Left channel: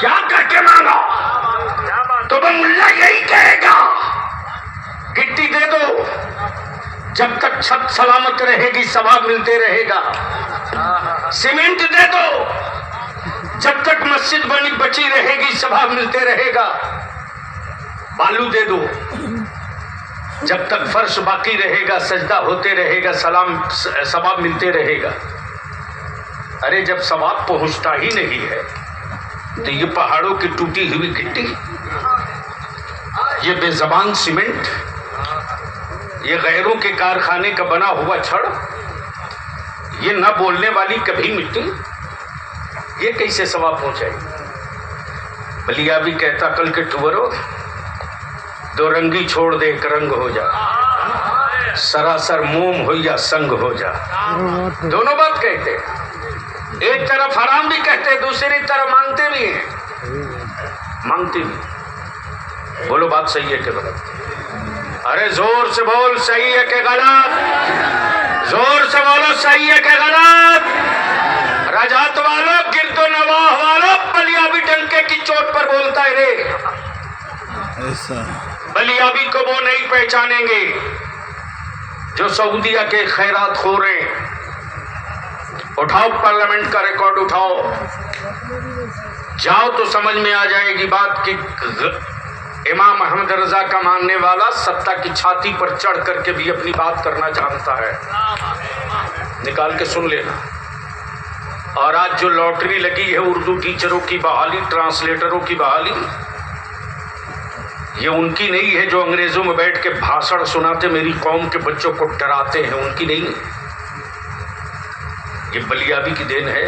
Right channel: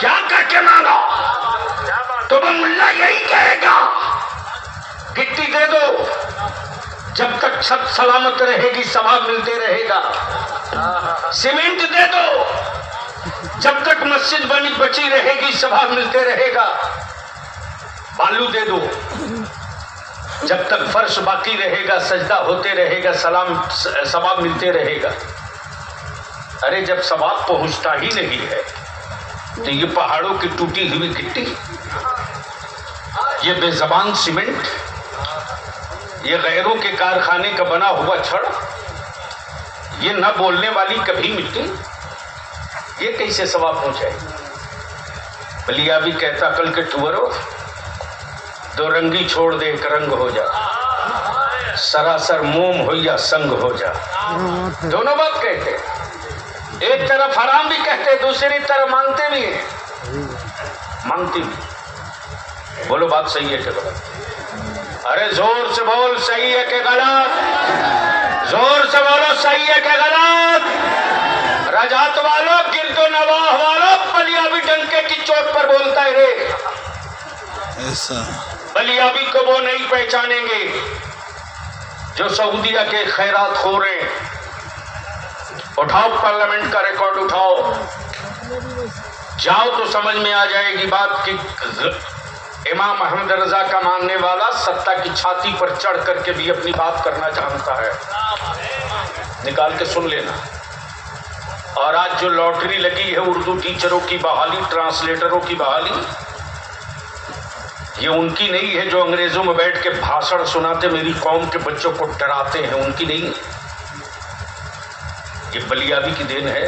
کیا کر کے مانگا تو وہ ملا یہی کہے گا گٹی دے دو، جب تک چھت سلامت رہے گی ثواب ملتے رہے گا، سیمنٹ دے دو جب تک مسجد بنی بچی رہے گی ثواب ملتے رہے گا، بالو دے دو جب تک فرش باقی رہے گا سجدہ ہوتے رہے گا ثواب ملتے رہے گا۔ ارے جب ثواب پہنچتا ہی نہیں ہے تو یہ پہاڑوں کی ٹوٹی ہوئی گٹی، یہ بے زبان سیمنٹ، یہ غیروں کے کارخانے کا بنا ہوا چھڑ، یہ نہ بولنے والی کبھی مٹی، یہ کیسے ثواب پہنچے؟ بلیا بھی کہتا کل کے ٹورو دو رنگی چھوڑ دے ایک رنگ ہو جا، سراسر موم ہو یا سنگ ہو جا، دونوں بات کہتے، ایک طرف حرام بھی کہتے دوسری طرف مانگتے بھی ہیں، مانگتے بھی۔ بولو بات صحیح ہے کہ غلط؟ ارے زور سے بول صحیح ہے کہ غلط؟ زور سے بولو صحیح ہے کہ غلط؟ رجعت والو گرد و نواح والو بلیابی ڈنکے کی چوٹ پر بولتا ہے رے، ایسا بلیابی کو وہ نہیں پہچانیں گے جو سعودیہ کے خیرات خور ہیں۔ اٹھاؤ پارلیمنٹ کا ریکارڈ اٹھاؤ، جاؤ تو سمجھ میں آ جائے گی بات کہ امام احمد رضا کا ماننے والا ستہ کی چھاتی پر چڑھ کر کے بھی اپنی بات کرنا جانتا ہے، نکال کے سن لینا۔ اور آج جو لاٹری لگی ہے اردو ٹیچروں کی بحالی، ٹرانسلیٹروں کی بحالی، یہ ان کی نہیں ہے جو انگریزوں میں بیٹھ کے بھاشن سناتے میری قوم کے بچوں کو ڈراتے ہیں، ان کی نہیں ہے، یہ بلیابی کی دین ہے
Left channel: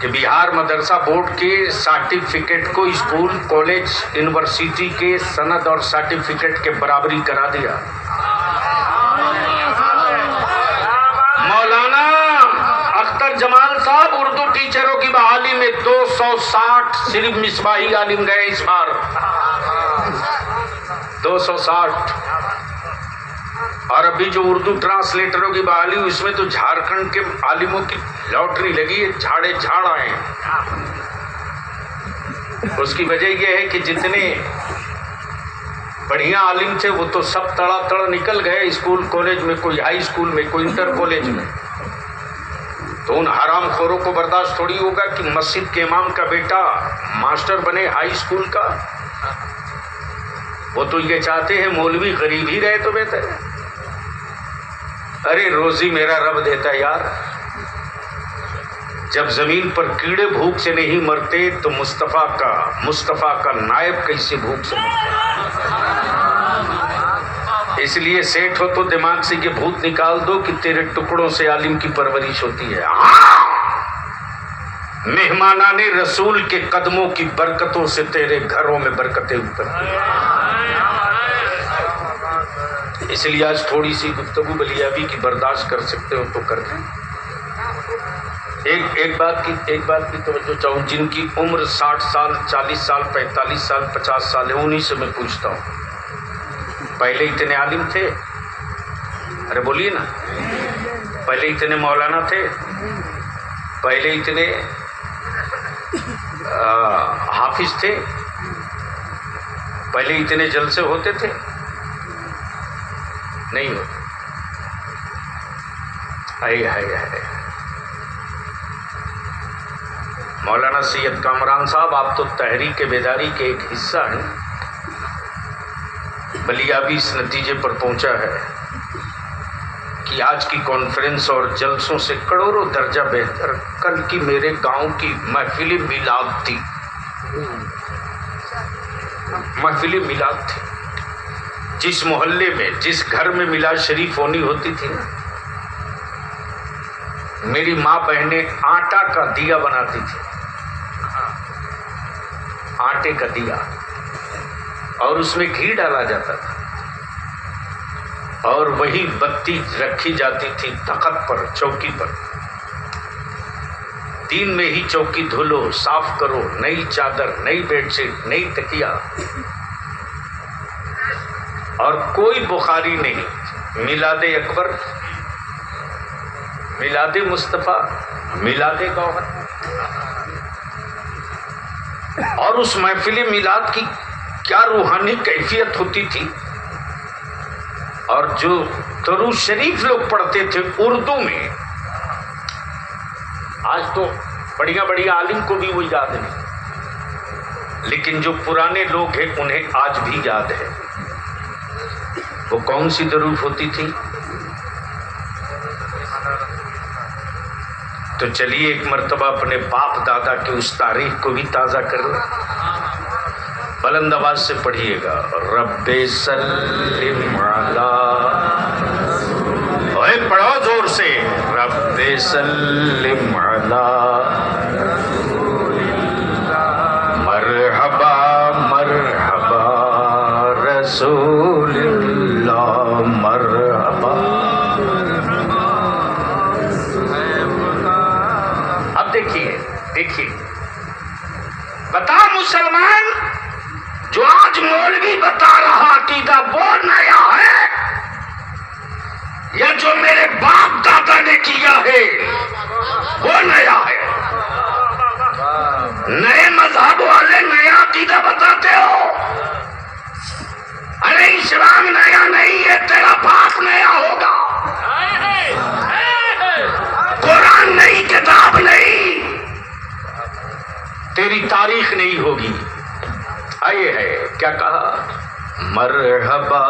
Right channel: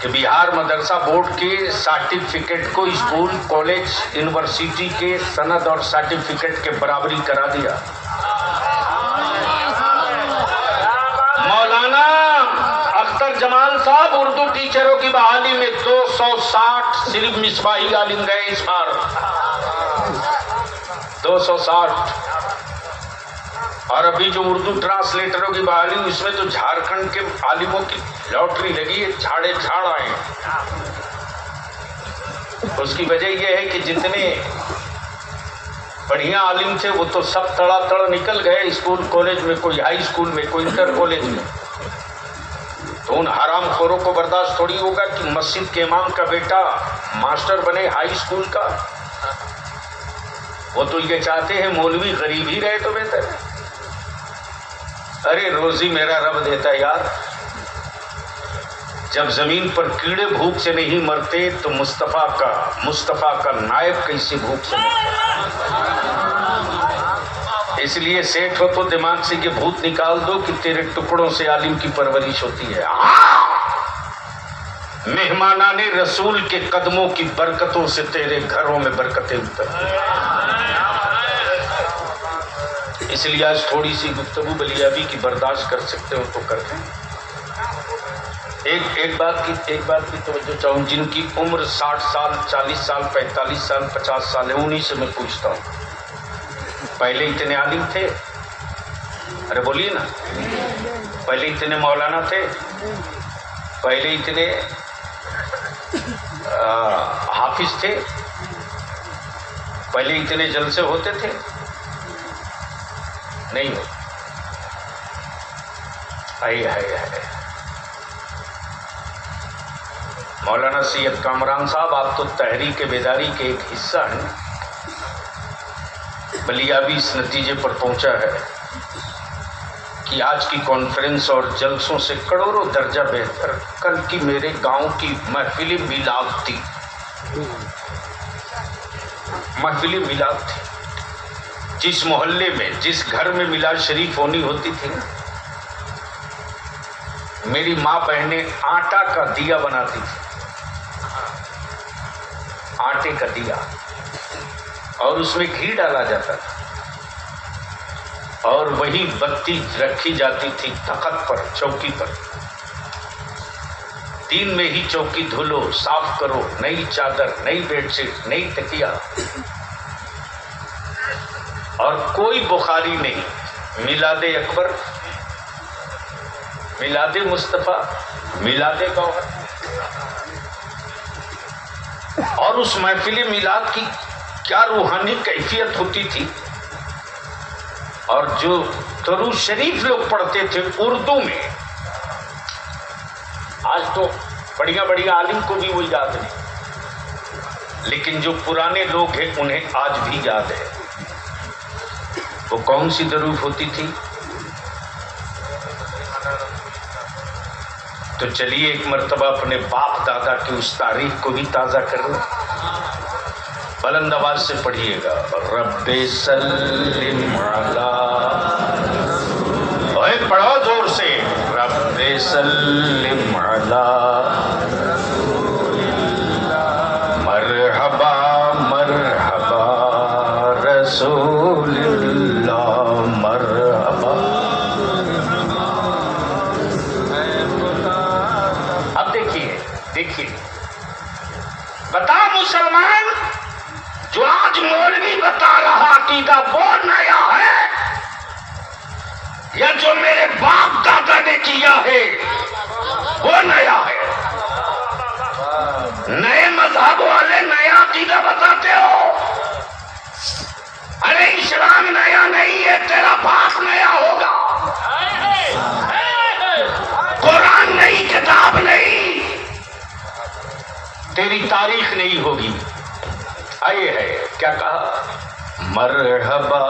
کہ بہار مدرسہ بورڈ کے سرٹیفکیٹ کو اسکول کالج یونیورسٹی کے سند اور سرٹیفکیٹ کے برابری کرا دیا۔ مولانا اختر جمال صاحب اردو ٹیچروں کی بحالی میں 260 صرف مصباحی عالم گئے اس بار، 260۔ اور ابھی جو اردو ٹرانسلیٹروں کی بحالی اس میں تو جھارکھنڈ کے عالموں کی لاٹری لگی ہے، جھاڑے جھاڑ آئے ہیں۔ اس کی وجہ یہ ہے کہ جتنے بڑھیا عالم تھے وہ تو سب تڑا تڑ نکل گئے اسکول کالج میں، کوئی ہائی اسکول میں، کوئی انٹر کالج میں، تو ان حرام خوروں کو برداشت تھوڑی ہوگا کہ مسجد کے امام کا بیٹا ماسٹر بنے ہائی اسکول کا۔ وہ تو یہ چاہتے ہیں مولوی غریب ہی رہے تو بہتر ہے۔ ارے روزی میرا رب دیتا یار، جب زمین پر کیڑے بھوک سے نہیں مرتے تو مصطفیٰ کا نائب کیسے بھوک سے مرتا؟ اس لیے سیٹ ہو تو دماغ سے یہ بھوت نکال دو کہ تیرے ٹکڑوں سے عالم کی پرورش ہوتی ہے۔ مہمانان رسول کے قدموں کی برکتوں سے تیرے گھروں میں برکتیں اترتی ہیں۔ اس لیے آج تھوڑی سی گفتگو بلیابی کی برداشت کر سکتے ہو تو کر دیں۔ ایک بات کی توجہ چاہوں، جن کی عمر 60 سال 40 سال 45 سال 50 سال ہے انہی سے میں پوچھتا ہوں، پہلے اتنے عالم تھے؟ ارے بولیے نا، پہلے اتنے مولانا تھے؟ پہلے اتنے حافظ تھے؟ پہلے اتنے جلسے ہوتے تھے؟ نہیں ہوتے۔ مولانا سید کامران صاحب آپ تو تحریک بیداری کے ایک حصہ ہیں، بلیابی اس نتیجے پر پہنچا ہے کہ آج کی کانفرنس اور جلسوں سے کروڑوں درجہ بہتر کل کی میرے گاؤں کی محفل میلاد تھی۔ محفل میلاد تھی، جس محلے میں جس گھر میں میلاد شریف ہونی ہوتی تھی نا، میری ماں بہنیں آٹا کا دیا بناتی تھی، آٹے کا دیا، اور اس میں گھی ڈالا جاتا تھا، اور وہی بتی رکھی جاتی تھی تخت پر، چوکی پر۔ دن میں ہی چوکی دھلو، صاف کرو، نئی چادر، نئی بیڈ شیٹ، نئی تکیا، اور کوئی بخاری نہیں۔ میلاد اکبر، میلاد مصطفیٰ، میلاد گوہر. اور اس محفل میلاد کی کیا روحانی کیفیت ہوتی تھی. اور جو درود شریف لوگ پڑھتے تھے اردو میں، آج تو بڑیا بڑیا عالم کو بھی وہ یاد ہے، لیکن جو پرانے لوگ ہیں انہیں آج بھی یاد ہے. وہ کون سی درود ہوتی تھی؟ تو چلیے ایک مرتبہ اپنے باپ دادا کی اس تاریخ کو بھی تازہ کر لیں. بلند آواز سے پڑھیے گا. رب سلم علی، اوے پڑھو زور سے. رب سلم علی مرحبا مرحبا رسول اللہ مرحبا. اب دیکھیے بتا مسلمان، جو آج مولوی بتا رہا عقیدہ وہ نیا ہے یا جو میرے باپ دادا نے کیا ہے وہ نیا ہے؟ نئے مذہب والے نیا عقیدہ بتاتے ہو. ارے اسلام نیا نہیں ہے، تیرا باپ نیا ہوگا. قرآن نئی کتاب نہیں، تیری تاریخ نہیں ہوگی. آئے ہے کیا کہا؟ مرحبا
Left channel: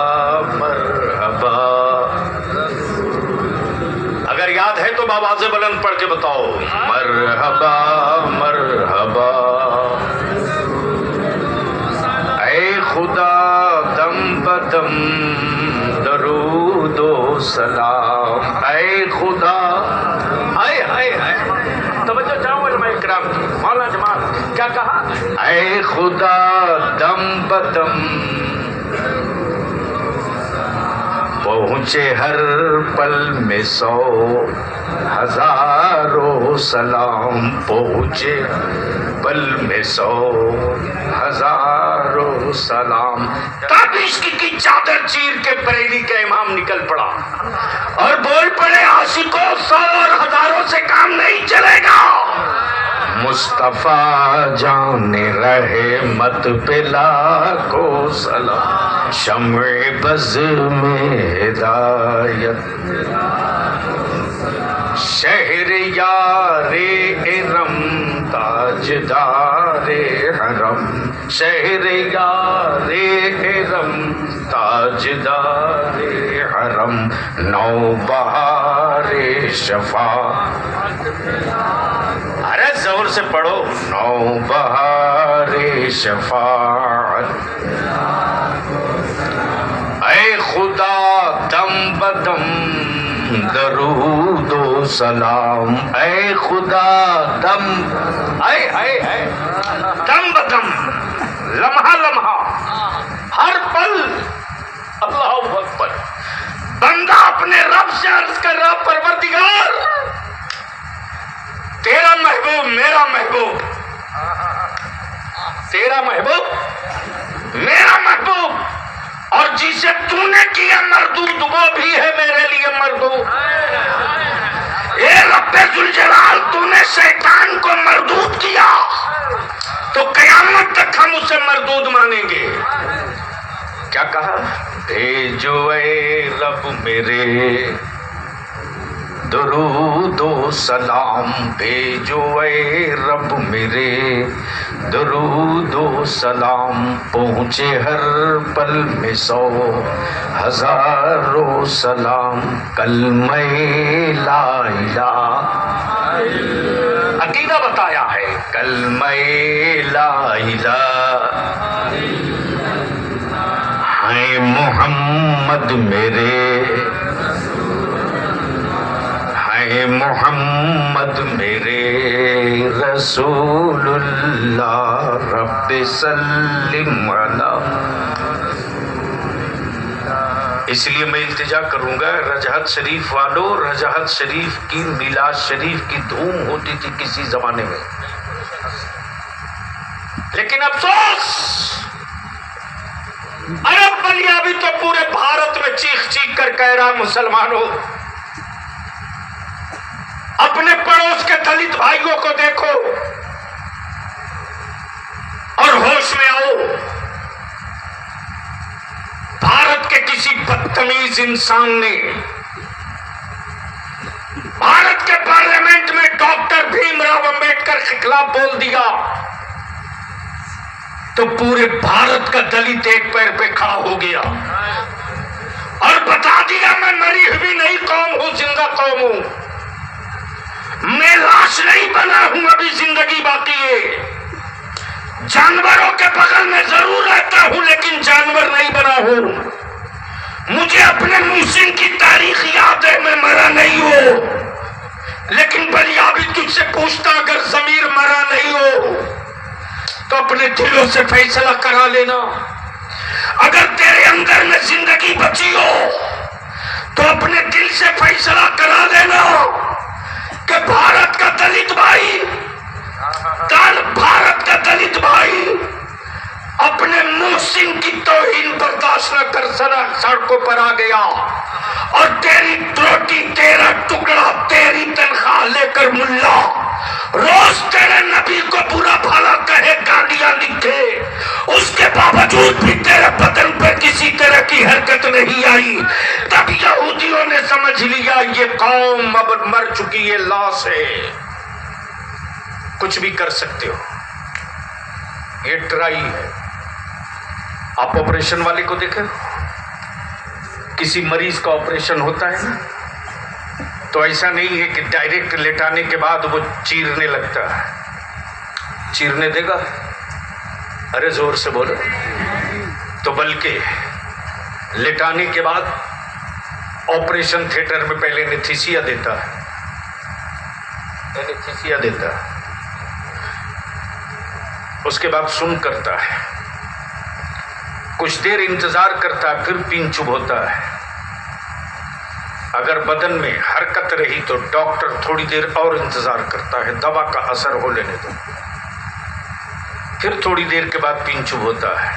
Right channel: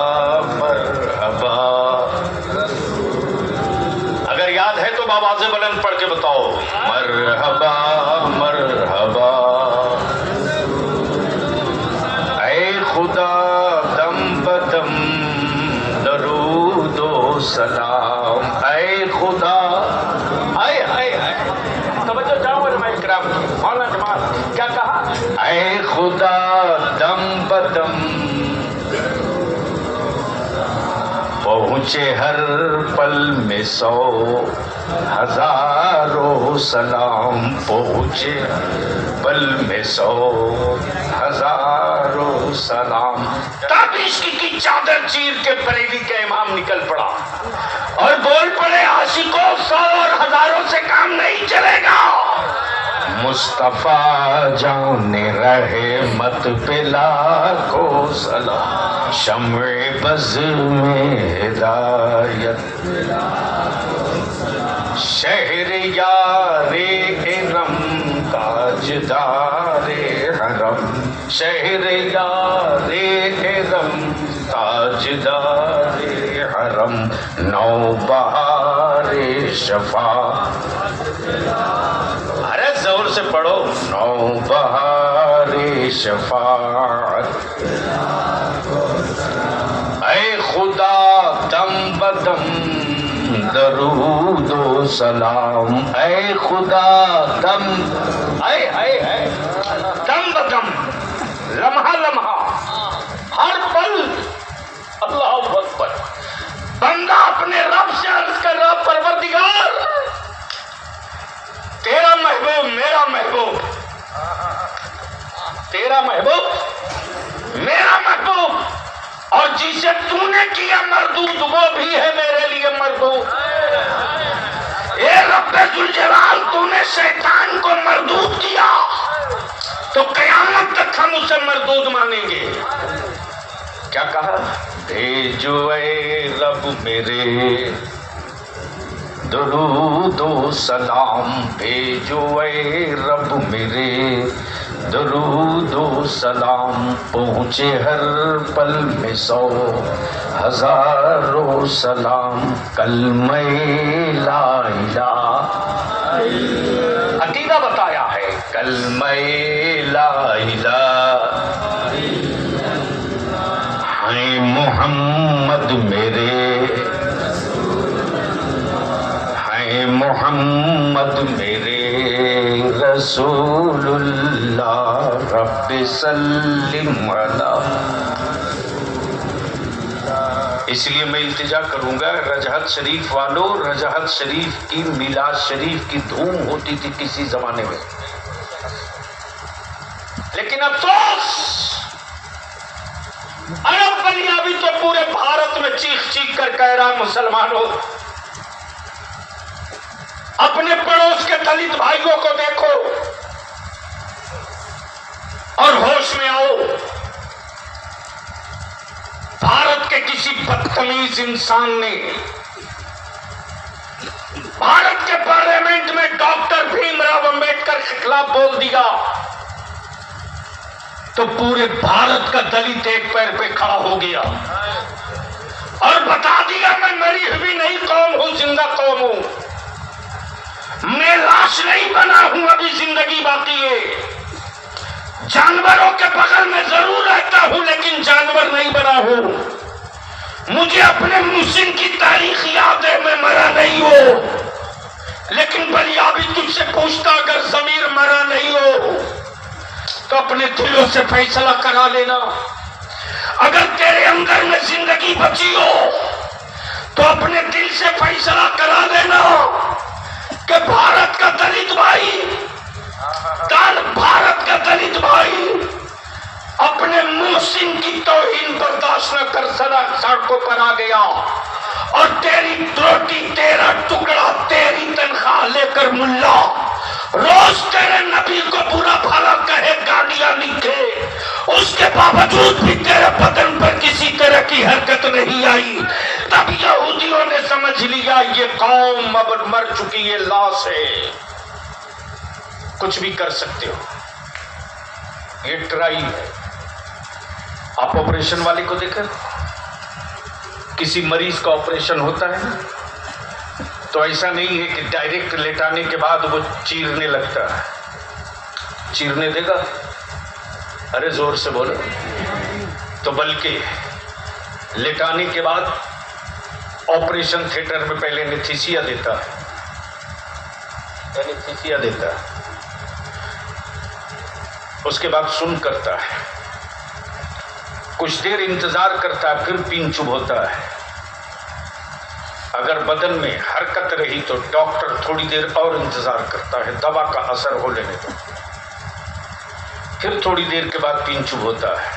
مرحبا. اگر یاد ہے تو بآواز بلند پڑھ کے بتاؤ. مرحبا مرحبا. اے خدا دم بدم درود و سلام. اے خدا، آئے آئے آئے توجہ چاہوں علماء کرام کی. مولانا جماعت کیا کہا؟ اے خدا دم بدم پہنچے ہر پل میں 100 ہزاروں سلام. پہنچے پل میں 100 ہزاروں سلام. تب عشق کی چادر چیر کے بریلی کا امام نکل پڑا اور بول پڑے عاشقوں 100 اور ہزاروں سے کام نہیں چلے گا. مصطفیٰ جان رہے مت پہ لاکھوں سلام. شمع بز میں ہدایت شہر یار ارم تاجدار حرم. شہر یار ارم تاجدار حرم. نوبہار شفا، ارے زور سے پڑھو. نوبہار شفاعت. اے خدا دم بدم درود و سلام. اے خدا دم، اے دم بدم، لمحہ لمحہ، ہر پل. اللہ اکبر. بندہ اپنے رب سے عرض کر رہا پروردگار تیرا محبوب میرا محبوب، تیرا محبوب میرا محبوب، اور جسے تو نے کیا مردود وہ بھی ہے میرے لیے مردود. اے رب ذوالجلال تو نے شیطان کو مردود کیا تو قیامت تک ہم اسے مردود مانیں گے. کیا کہا؟ بھیجو اے رب میرے درود و سلام. بھیجو اے رب میرے درود و سلام. پہنچے ہر پل میں 100 ہزاروں سلام. کلمہ لا الہ، عقیدہ بتایا ہے. کلمہ لا الہ ہے محمد میرے، ہے محمد میرے رسول اللہ. رب سلم علی. اس لیے میں التجا کروں گا رجحت شریف والوں، رجحت شریف کی میلاد شریف کی دھوم ہوتی تھی کسی زمانے میں، لیکن افسوس عرب بلیا بھی تو پورے بھارت میں چیخ چیخ کر کہہ رہا مسلمانوں اپنے پڑوس کے دلت بھائیوں کو دیکھو اور ہوش میں آؤ. بھارت کے کسی بدتمیز انسان نے بھارت کے پارلیمنٹ میں ڈاکٹر بھیم راؤ امبیڈکر کے خلاف بول دیا تو پورے بھارت کا دلت ایک پیر پہ کھڑا ہو گیا اور بتا دیا میں مری ہوئی نہیں قوم ہوں، زندہ قوم ہوں. میں لاش نہیں بنا ہوں، ابھی زندگی باقی ہے. جانوروں کے بغل میں ضرور رہتا ہوں لیکن جانور نہیں بنا ہوں. مجھے اپنے محسن کی تاریخ یاد ہے، میں مرا نہیں ہوں. لیکن بلیابی تجھ سے پوچھتا اگر ضمیر مرا نہیں ہو تو اپنے دلوں سے فیصلہ کرا لینا. اگر تیرے اندر میں زندگی بچی ہو تو اپنے دل سے فیصلہ کرا لینا کہ بھارت کا دلت بھائی، بھارت کا دلت بھائی اپنے محسن کی توہین برداشت نہ کر سڑکوں پر آ گیا اور تیری روٹی، تیرا ٹکڑا، تیری تنخواہ لے کر ملا روز تیرے نبی کو برا بھلا کہے، گالیاں لکھے، اس کے باوجود بھی تیرے بدن پر کسی طرح کی حرکت نہیں آئی. تب یہودیوں نے سمجھ لیا یہ قوم اب مر چکی ہے، لاش ہے، کچھ بھی کر سکتے ہو، یہ ٹرائی ہے. آپ آپریشن والے کو دیکھیں، کسی مریض کا آپریشن ہوتا ہے تو ایسا نہیں ہے کہ ڈائریکٹ لٹانے کے بعد وہ چیرنے لگتا ہے. چیرنے دے گا؟ ارے زور سے بولو. تو بلکہ لٹانے کے بعد آپریشن تھیٹر میں پہلے انیستھیسیا دیتا ہے، انیستھیسیا دیتا ہے، اس کے بعد سن کرتا ہے، کچھ دیر انتظار کرتا ہے، پھر پین چبھ ہوتا ہے. اگر بدن میں حرکت رہی تو ڈاکٹر تھوڑی دیر اور انتظار کرتا ہے، دوا کا اثر ہو لینے دو، پھر تھوڑی دیر کے بعد پین چبھ ہوتا ہے.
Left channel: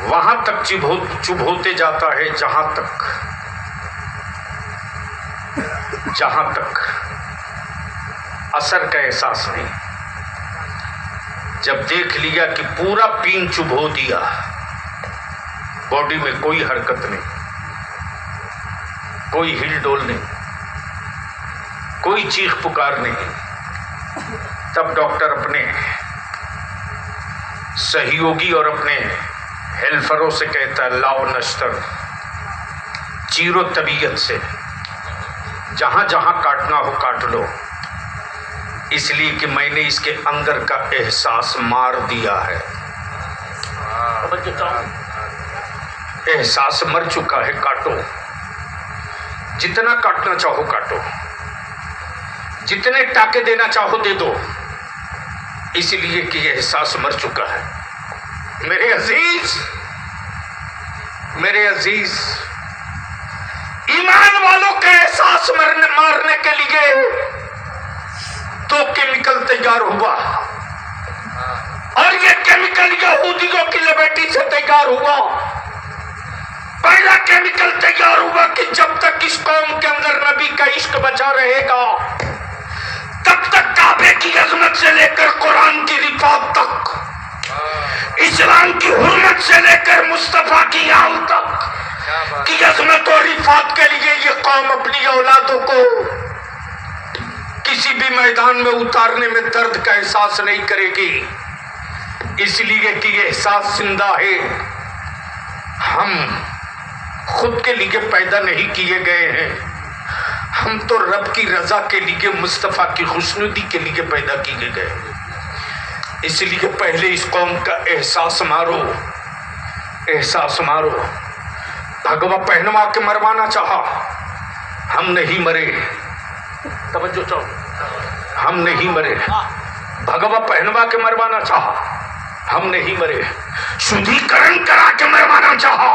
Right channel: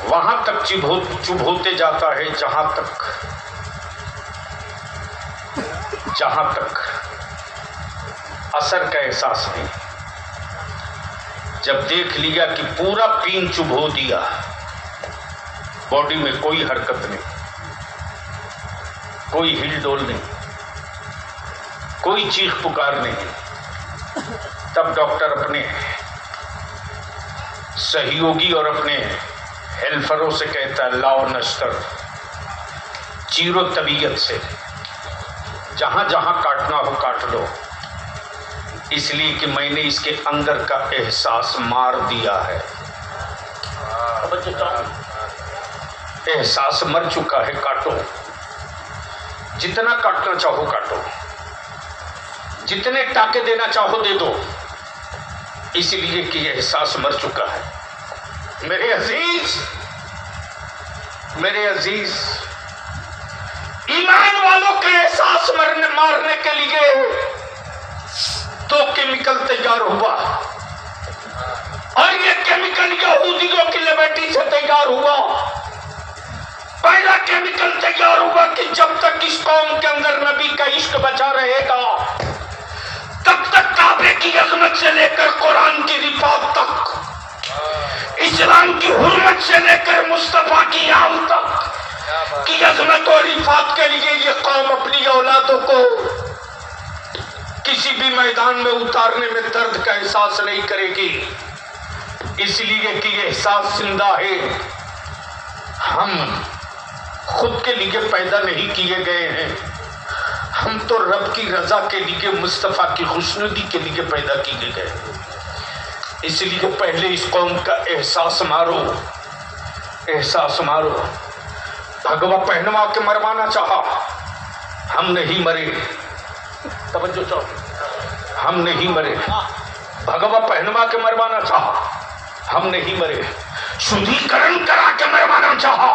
وہاں تک چبھ ہوتے جاتا ہے جہاں تک اثر کا احساس نہیں. جب دیکھ لیا کہ پورا پین چبھ ہو دیا، باڈی میں کوئی حرکت نہیں، کوئی ہل ڈول نہیں، کوئی چیخ پکار نہیں، تب ڈاکٹر اپنے سہیوگی اور اپنے ہیلفروں سے کہتا ہے لاؤ نشتر، چیرو طبیعت سے، جہاں جہاں کاٹنا ہو کاٹ لو، اس لیے کہ میں نے اس کے اندر کا احساس مار دیا ہے. احساس مر چکا ہے، کاٹو، جتنا کاٹنا چاہو کاٹو، جتنے ٹاکے دینا چاہو دے دو، اس لیے کہ یہ احساس مر چکا ہے. میرے عزیز ایمان والوں کے احساس مارنے کے لیے تو کیمیکل تیار ہوا، اور یہ کیمیکل یہودیوں کی لیبرٹی سے تیار ہوا. پہلا کیمیکل تیار ہوا کہ جب تک اس قوم کے اندر نبی کا عشق بچا رہے گا تب تک کعبے کی عظمت سے لے کر قرآن کی رفعت تک، اسلام کی حرمت سے لے کر مصطفیٰ کی آل تک کی عظمت اور رفعت کے لیے یہ قوم اپنی اولادوں کو کسی بھی میدان میں اتارنے میں درد کا احساس نہیں کرے گی، اس لیے کہ یہ احساس زندہ ہے. ہم خود کے لیے پیدا نہیں کیے گئے ہیں، ہم تو رب کی رضا کے لیے، مصطفیٰ کی خوشنودی کے لیے پیدا کیے گئے ہیں. اس لیے پہلے اس قوم کا احساس مارو، احساس مارو. بھگوا پہنوا کے مروانا چاہا، ہم نہیں مرے. توجہ چاہو، ہم نہیں مرے. بھگوا پہنوا کے مروانا چاہا، ہم نہیں مرے. شدھیکرن کرا کے مروانا چاہا،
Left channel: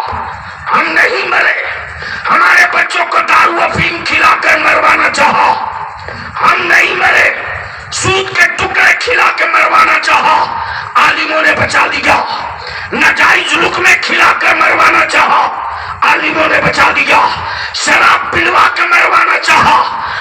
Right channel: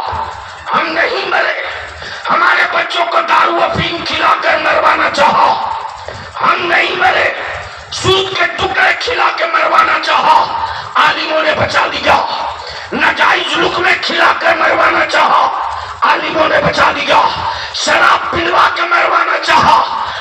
ہم نہیں مرے. ہمارے بچوں کو دارو افیم کھلا کر مروانا چاہا، ہم نہیں مرے. سود کے ٹکڑے کھلا کے مروانا چاہا، عالموں نے بچا دیا. ناجائز لقمے کھلا کر مروانا چاہا، عالموں نے بچا دیا. شراب پلوا کے مروانا چاہا،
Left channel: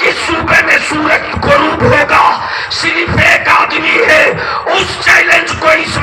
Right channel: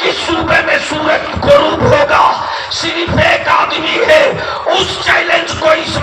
کہ صوبے میں سورج غروب ہوگا صرف ایک آدمی ہے. اس چیلنج کو اس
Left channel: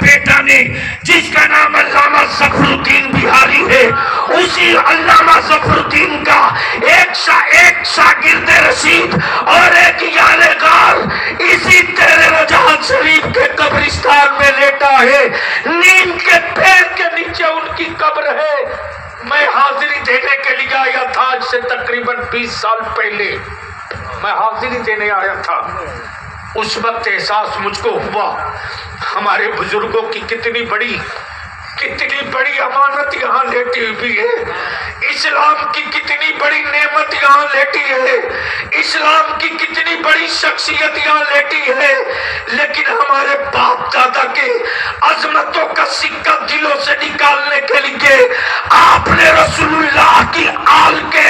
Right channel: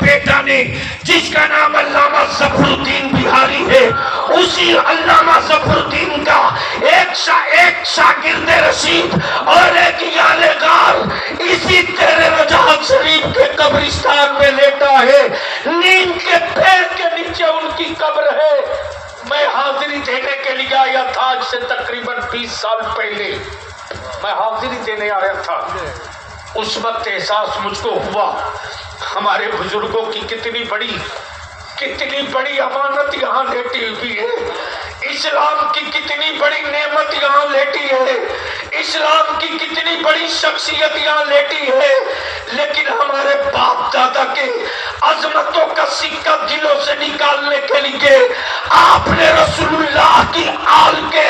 بیٹا نے، جس کا نام علامہ ظفر الدین بہاری ہے، اسی علامہ ظفر الدین کا ایک شاگرد رشید اور ایک یار غار اسی تیرے رجحان شریف کے قبرستان میں لیٹا ہے. نیم کے پیر کے نیچے ان کی قبر ہے. میں حاضری دینے کے لیے آیا تھا، آج سے تقریباً 20 سال پہلے میں حاضری دینے آیا تھا. اس وقت احساس مجھ کو ہوا ہمارے بزرگوں کی کتنی بڑی امانت یہاں لیٹی ہوئی ہے، اسلام کی کتنی بڑی نعمت یہاں لیٹی ہے، اسلام کی کتنی بڑی شخصیت یہاں لیٹی ہے. لیکن ہمارے باپ دادا کے عظمتوں کا سکہ دلوں سے نکالنے کے لیے آپ نے رسول اللہ کی آل کے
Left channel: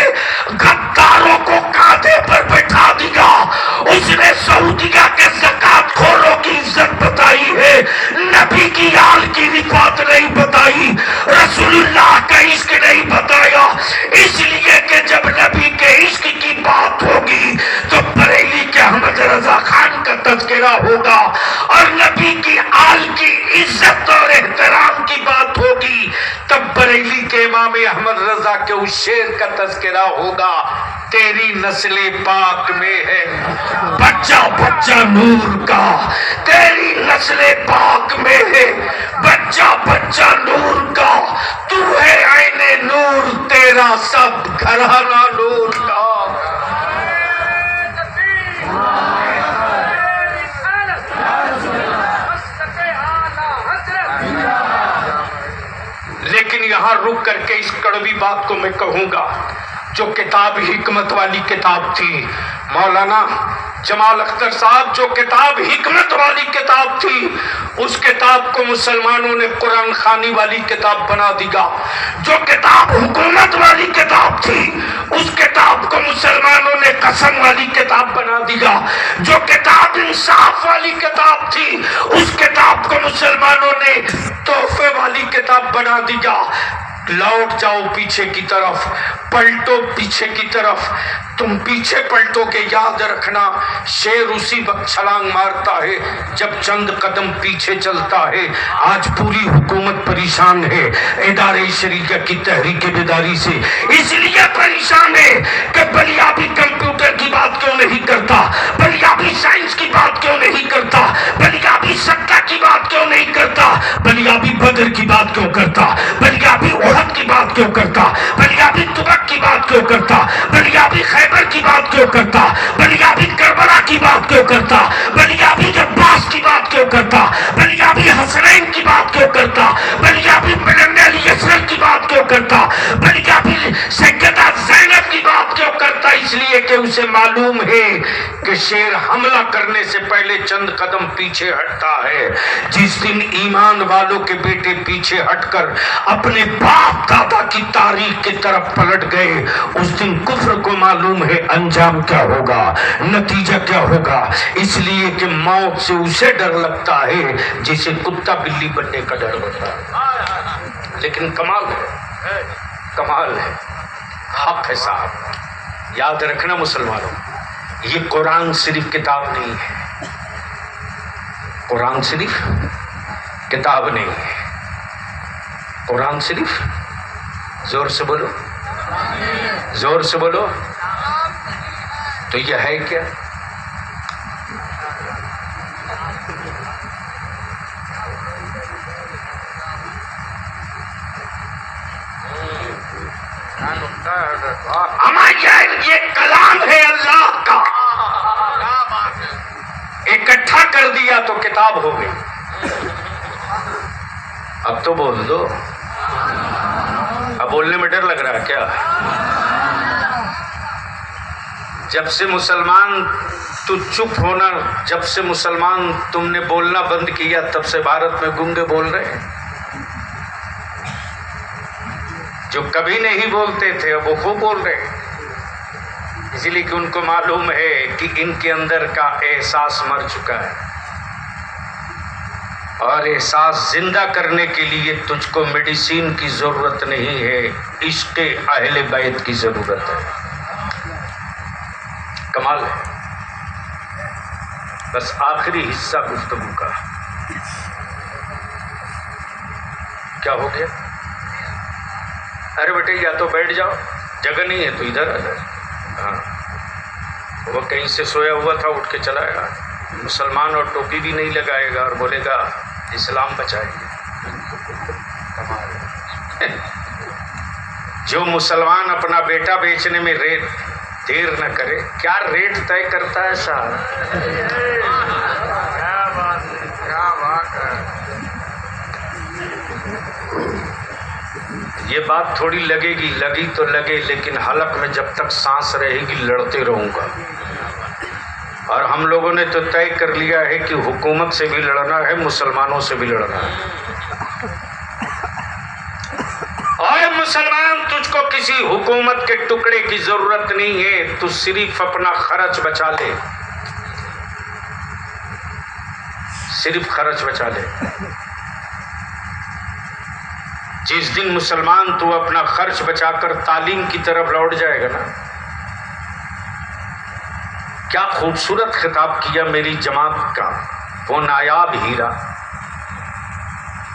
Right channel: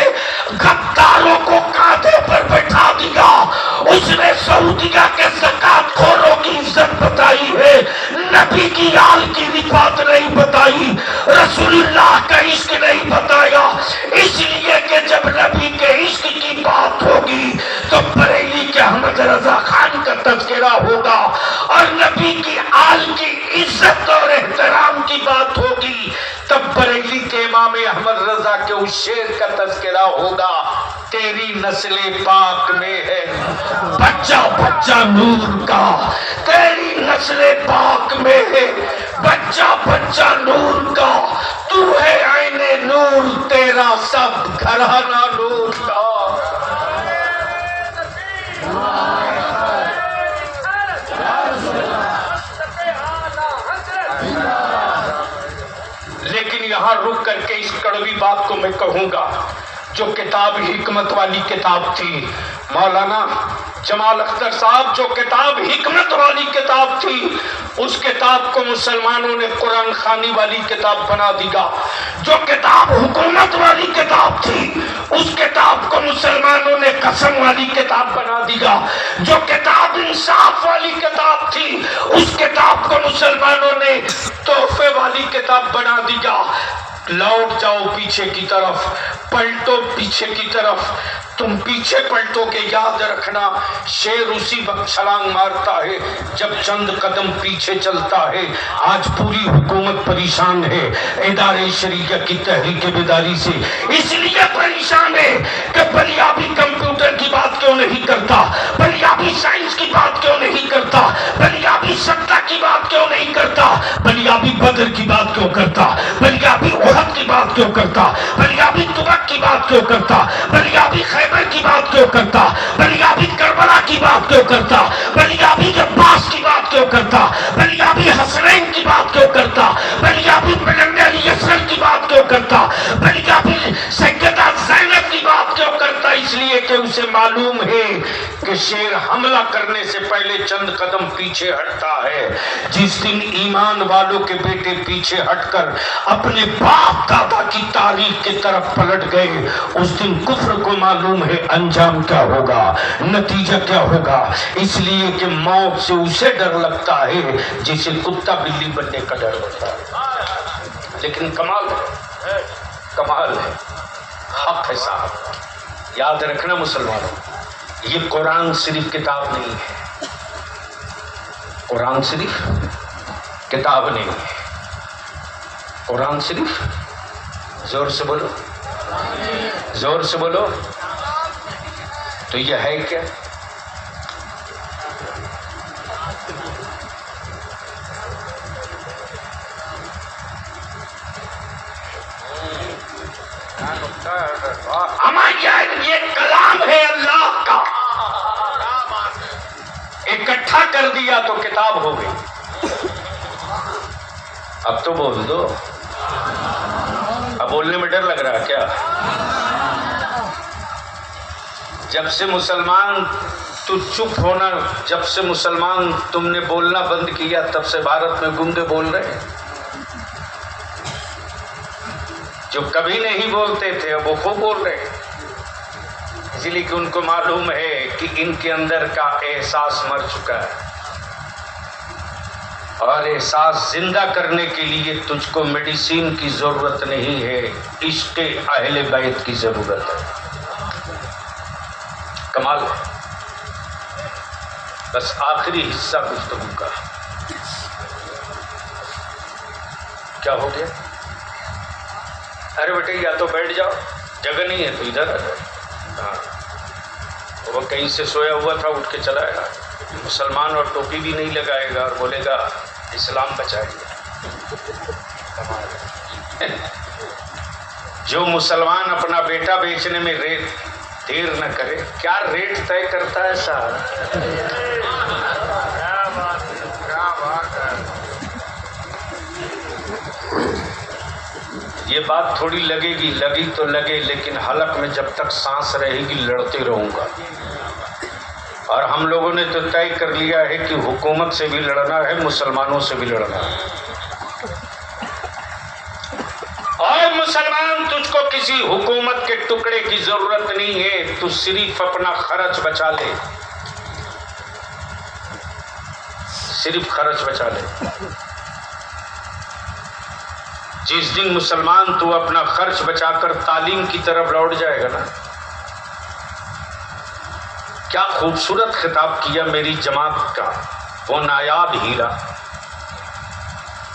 غداروں کو کاندھے پر بٹھا دیا. اس نے سعودیہ کے زکات خوروں کی عزت بتائی ہے، نبی کی آل کی رفعت نہیں بتائی، رسول اللہ کا عشق نہیں بتایا. اس لیے کہ جب نبی کے عشق کی بات ہوگی تو بریلی کے احمد رضا خان کا تذکرہ ہوگا، اور نبی کی آل کی عزت اور احترام کی بات ہوگی تب بریلی کے امام احمد رضا کے اس شعر کا تذکرہ ہوگا، تیری نسل پاک میں ہے بچہ بچہ نور کا، تیری نسل پاک میں ہے بچہ بچہ نور کا، تو ہے عین نور تیرا سب گھرانہ نور کا. لیکن یہاں رک کر کے اس کڑوی بات کو میں کہوں گا، جو کتاب حکمت والی کتاب تھی، مولانا جمال اختر صاحب، جو کتاب حکمت والی کتاب تھی، اس کتاب کو مسلمانوں نے قرآن خوانی والی کتاب بنا دیا. جو کتاب حکومت والی کتاب تھی، اس کتاب کو مسلمانوں نے قسم والی کتاب بنا دیا. جو کتاب انصاف والی کتاب تھی، اس کتاب کو مسلمانوں نے تحفے والی کتاب بنا دیا. لوٹ جاؤ پیچھے کی طرف، پلٹو پیچھے کی طرف، تم پیچھے پلٹو کے یاد رکھنا شیر اسی وقت چھلانگ مارتا ہے جب چند قدم پیچھے چلتا ہے. آج پوری حکومت پریشان ہے ادارے شریعہ کی تحریک بیداری سے، اس لیے پریشان ہے کہ بلیابی کمپیوٹر کی بات کیوں نہیں کرتا، بلیابی سائنس کی بات کیوں نہیں کرتا، بلیابی سکہ کی بات کیوں نہیں کرتا، بلیابی بدر کی بات کیوں کرتا، بلیابی احد کی بات کیوں کرتا، بلیابی تبک کی بات کیوں کرتا، بلیابی خیبر کی بات کیوں کرتا، بلیابی کربلا کی بات کیوں کرتا، بلیابی عباس کی بات کیوں کرتا، بلیابی حسنین کی بات کیوں کرتا، بلیابی ملن علی اصغر کی بات کیوں کرتا، بلیابی سیدہ زینب کی بات کیوں کرتا؟ اس لیے کہ اسے معلوم ہے کہ شیر حملہ کرنے سے پہلے چند قدم پیچھے ہٹتا ہے. جس دن ایمان والوں کے بیٹے پیچھے ہٹ کر اپنے باپ دادا کی تاریخ کی طرف پلٹ گئے، اس دن کفر کو معلوم ہے انجام کیا ہوگا، نتیجہ کیا ہوگا. اس لیے کہ موت سے اسے ڈر لگتا ہے جسے کتا بلی بننے کا ڈر ہوتا ہے. لیکن کمال ہے، حق ہے صاحب. یاد رکھنا مسلمانوں، یہ قرآن صرف کتاب نہیں ہے، قرآن صرف کتاب نہیں ہے، قرآن صرف، زور سے بولو، زور سے بولو، تو یہ ہے کیا؟ یہ کلام ہے اللہ کا، اکٹھا کر دیا تو کتاب ہو گئی. اب تو بول دو، اب بولنے میں ڈر لگ رہا ہے کیا؟ جب سے مسلمان تو چپ ہونا، جب سے مسلمان تم نے بولنا بند کیا، تب سے بھارت میں گونگے بول رہے ہیں. جو کبھی نہیں بولتے تھے وہ خوب بول رہے ہیں، اسی لیے کہ ان کو معلوم ہے کہ ان کے اندر کا احساس مر چکا ہے، اور احساس زندہ کرنے کے لیے تجھ کو میڈیسین کی ضرورت نہیں ہے، عشق اہل بیت کی ضرورت ہے. کمال ہے. بس آخری حصہ گفتگو کا کیا ہو گیا؟ ارے بیٹے یا تو بیٹھ جاؤ، جگہ نہیں ہے تو ادھر آ جاؤ. ہاں وہ کہیں سے سویا ہوا تھا، اٹھ کے چلا گیا. مسلمان اور ٹوپی بھی نہیں لگائے گا اور بولے گا اسلام بچائیے. جو مسلمان اپنا بیٹا بیچنے میں دیر نہ کرے، کیا ریٹ طے کرتا ہے صاحب. کیا بات ہے. یہ بات تھوڑی لگے گی، لگی تو لگے، لیکن حلق میں جب تک سانس رہے گی لڑتے رہوں گا. اور ہم لوگوں نے تو طے کر لیا ہے کہ حکومت سے بھی لڑنا ہے، مسلمانوں سے بھی لڑنا ہے. اور مسلمان، تجھ کو کسی حکومت کے ٹکڑے کی ضرورت نہیں ہے، تو صرف اپنا خرچ بچا لے، صرف خرچ بچا لے. جس دن مسلمان تو اپنا خرچ بچا کر تعلیم کی طرف لوٹ جائے گا نا. کیا خوبصورت خطاب کیا میری جماعت کا وہ نایاب ہیرا.